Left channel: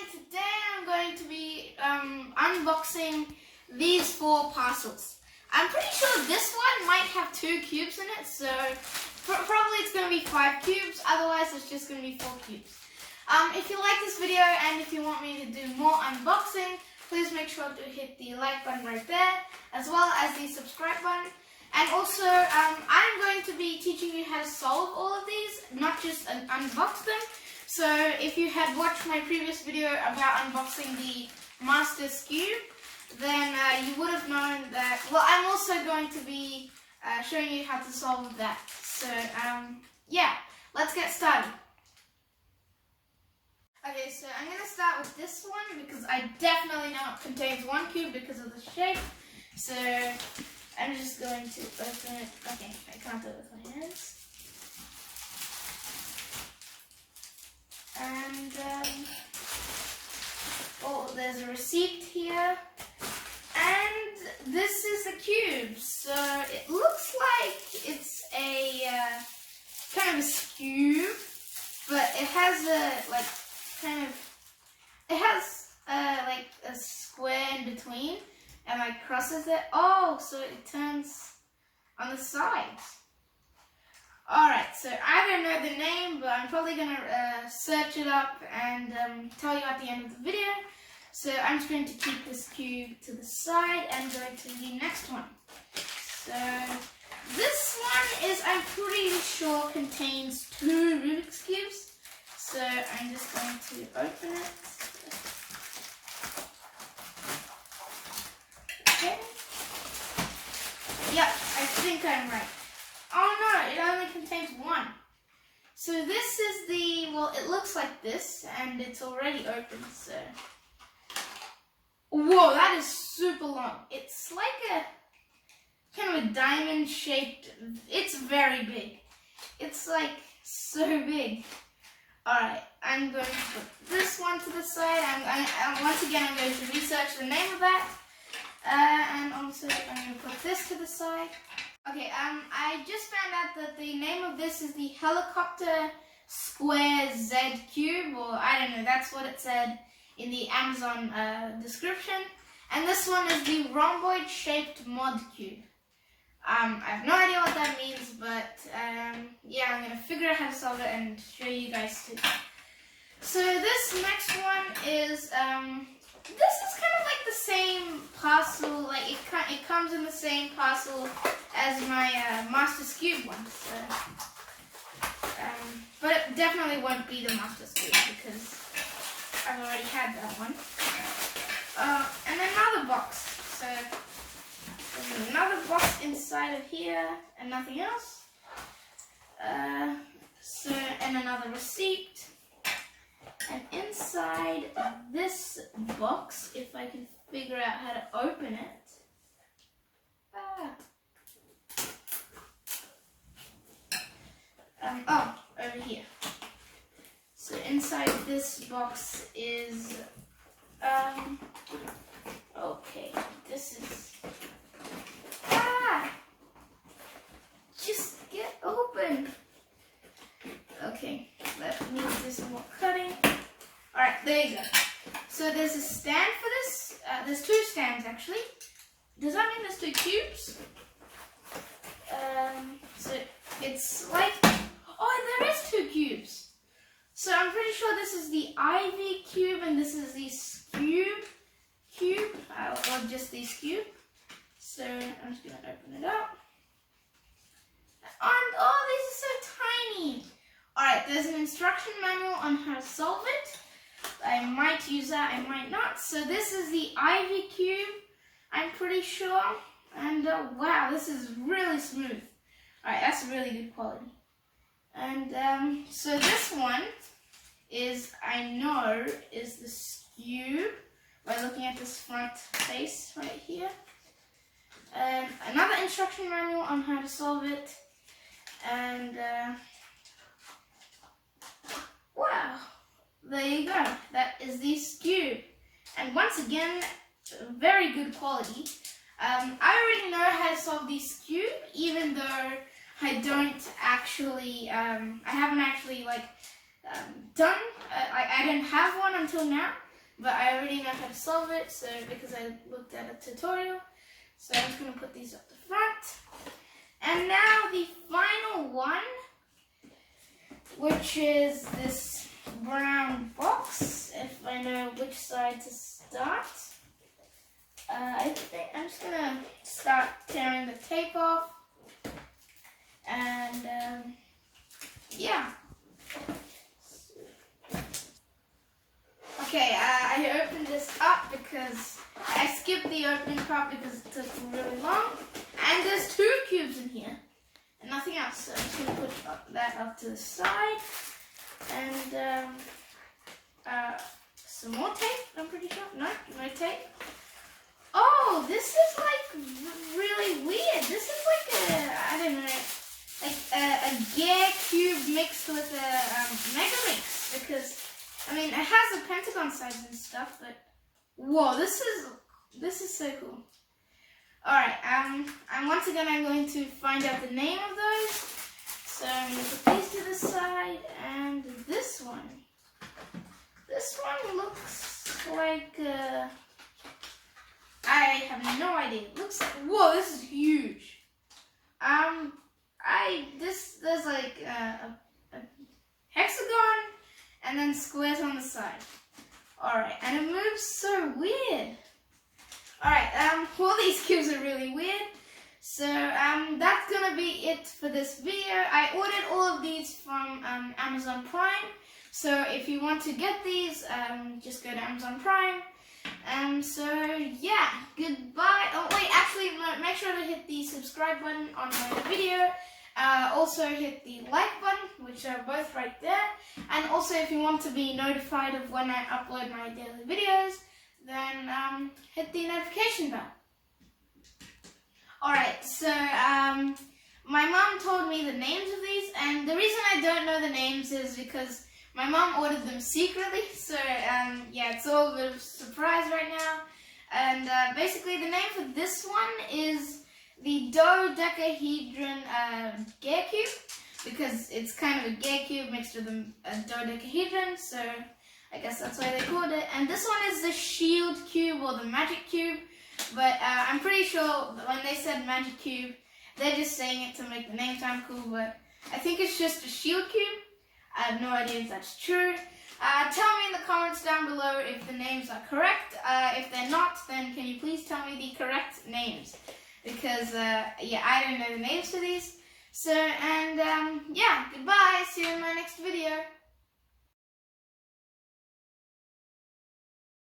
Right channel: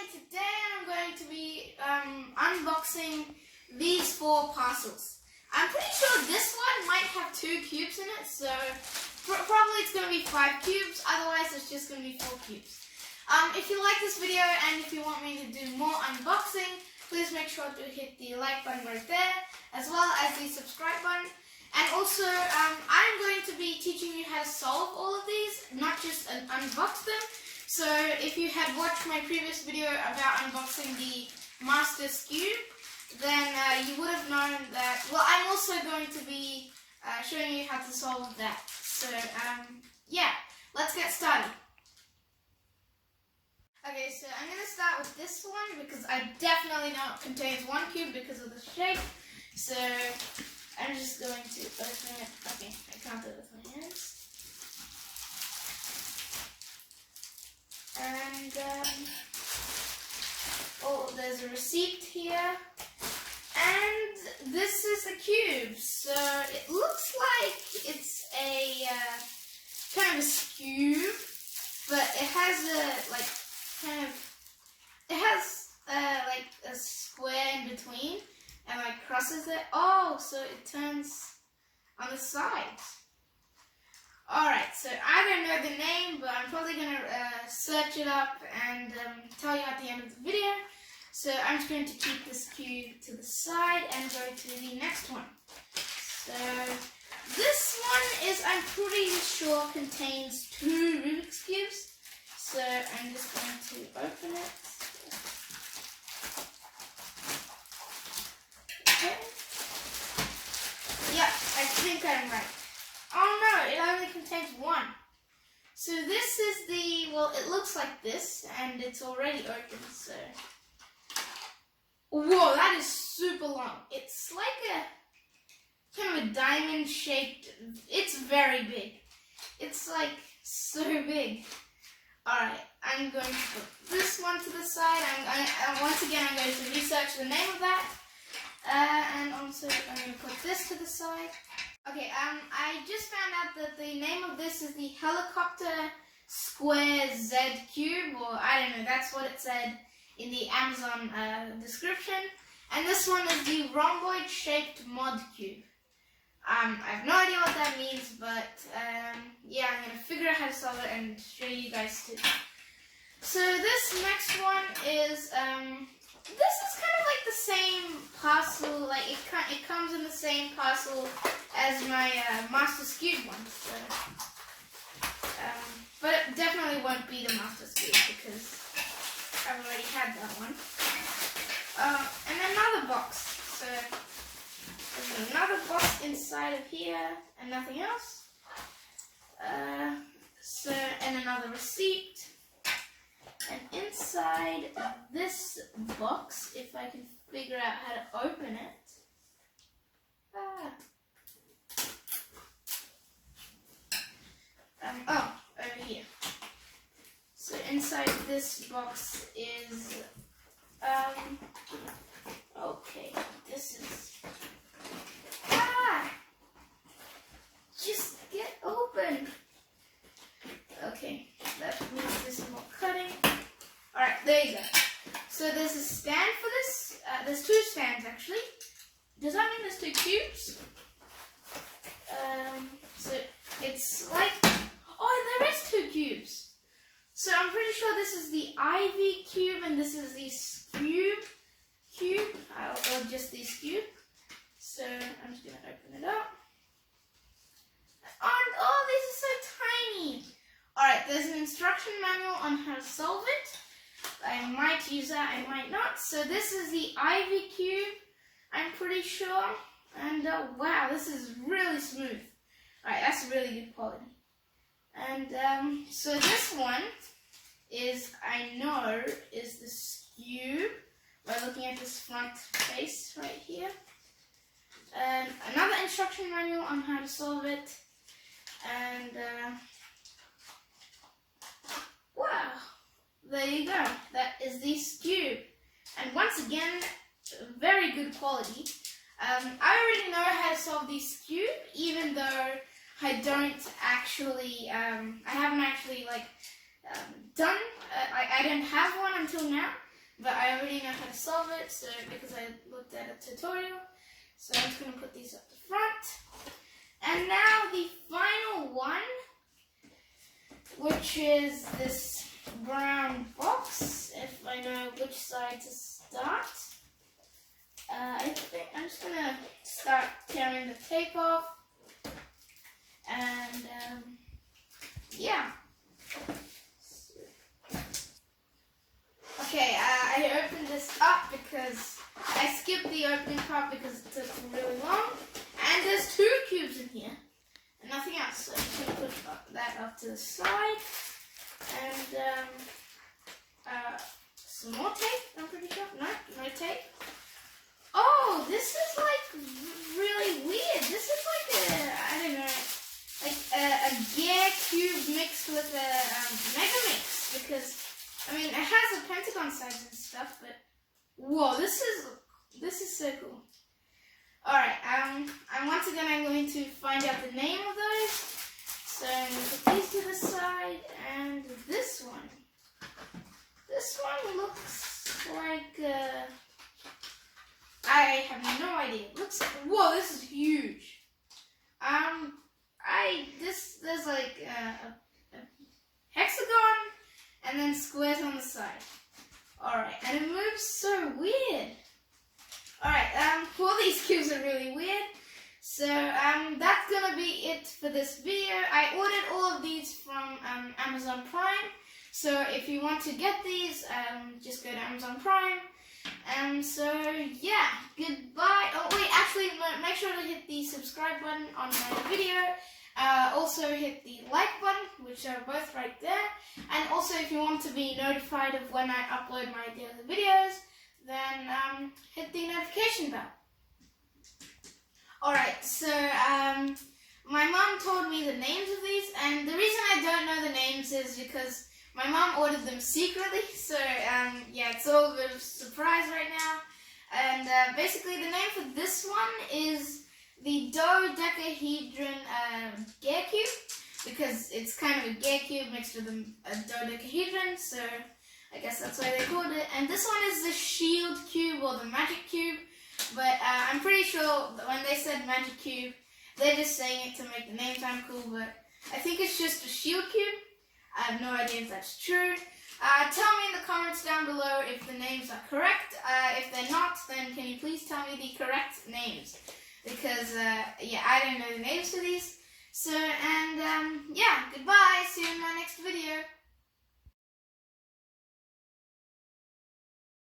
and today I'm going to be unboxing these 4 parcels. I'm pretty sure this one might have 2 cubes in it, so probably it's going to be 5 cubes, otherwise it's just going to be 4 cubes. If you like this video and if you want me to do more unboxing, please make sure to hit the like button right there, as well as the subscribe button. And also, I'm going to be teaching you how to solve all of these, not just unbox them. So if you had watched my previous video about unboxing the Master Skweb, then you would have known that, well, I'm also going to be showing you how to solve that. So yeah, let's get started. Okay, so I'm going to start with this one because I definitely know it contains 1 cube because of the shape. So I'm just going to open it. Okay, I can't do it with my hands. And oh, there's a receipt here. And this is a cube. So it looks like it's a kind of a skew, but it has a like like a square in between and like crosses it. Oh, so it turns on the sides. Alright, so I don't know the name, but I'm probably going to search it up and tell you at the end of the video. So I'm just going to keep this cube to the side and go to the next one. So this one is, I'm pretty sure, contains 2 Rubik's cubes. So I'm just going to open it. Okay. Yeah, I think I'm right. Oh no, it only contains 1. So this is the, well, it looks like this, and it's already open, so. Whoa, that is super long. It's like a, kind of a diamond shaped, it's very big. It's like so big. Alright, I'm going to put this one to the side. Once again, I'm going to research the name of that. And also, I'm going to put this to the side. Okay, I just found out that the name of this is the Helicopter Square Z Cube, or I don't know, that's what it said in the Amazon description. And this one is the Rhomboid shaped mod cube. I have no idea what that means, but yeah, I'm going to figure out how to solve it and show you guys too. So this next one is, this is kind of like the same parcel, like it comes in the same parcel as my Master Skweb one. So, but it definitely won't be the Master Skweb because I've already had that one. And another box. So there's another box inside of here and nothing else. So, and another receipt. And inside this box, if I can figure out how to open it. Oh, over here. So inside this box is, okay, this is, just get open. Okay, that means there's more cutting. Alright, there you go. So there's a stand for this. There's 2 stands actually. Does that mean there's 2 cubes? So it's like, oh, there is 2 cubes. So I'm pretty sure this is the Ivy cube and this is the Skweb cube, or just the Skweb. So I'm just gonna open it up. And oh, these are so tiny. Alright, there's an instruction manual on how to solve it. I might use that, I might not. So this is the Ivy cube, I'm pretty sure. And wow, this is really smooth. Alright, that's really good quality. And so this one is, I know, is the Skweb by looking at this front face right here. Another instruction manual on how to solve it. And wow, there you go. That is the Skweb. And once again, very good quality. I already know how to solve the Skweb, even though I don't actually, I haven't actually like done, I didn't have one until now. but I already know how to solve it, so because I looked at a tutorial. So I'm just going to put these up the front. And now the final one, which is this brown box, if I know which side to start. I think I'm just going to start tearing the tape off. And yeah. Okay, I opened this up because I skipped the opening part because it took really long. And there's 2 cubes in here and nothing else. So I'm just going to put that up to the side. And some more tape, I'm pretty sure. No tape. Oh, this is like really weird. This is like a, I don't know, like a gear cube mixed with a mega mix, because I mean it has a pentagon sides and stuff, but whoa, this is so cool. All right, and once again I'm going to find out the name of those. So I'm going to put these to the side, and this one looks like I have no idea. It looks like, whoa, this is huge. There's like a hexagon and then squares on the side. Alright, and it moves so weird. Alright, all these cubes are really weird. So, that's gonna be it for this video. I ordered all of these from Amazon Prime. So if you want to get these, just go to Amazon Prime. So yeah, goodbye. Oh wait, actually make sure to hit the subscribe button on my video. Also hit the like button, which are both right there. And also if you want to be notified of when I upload my daily videos, then hit the notification bell. Alright, so my mom told me the names of these, and the reason I don't know the names is because my mom ordered them secretly, so yeah, it's all a bit of a surprise right now. And basically the name for this one is the dodecahedron gear cube, because it's kind of a gear cube mixed with a dodecahedron, so I guess that's why they called it. And this one is the shield cube or the magic cube, but I'm pretty sure that when they said magic cube, they're just saying it to make the name sound cool, but I think it's just a shield cube. I have no idea if that's true. Tell me in the comments down below if the names are correct. If they're not, then can you please tell me the correct names? Because, yeah, I don't know the names for these. So, and, yeah, goodbye. See you in my next video.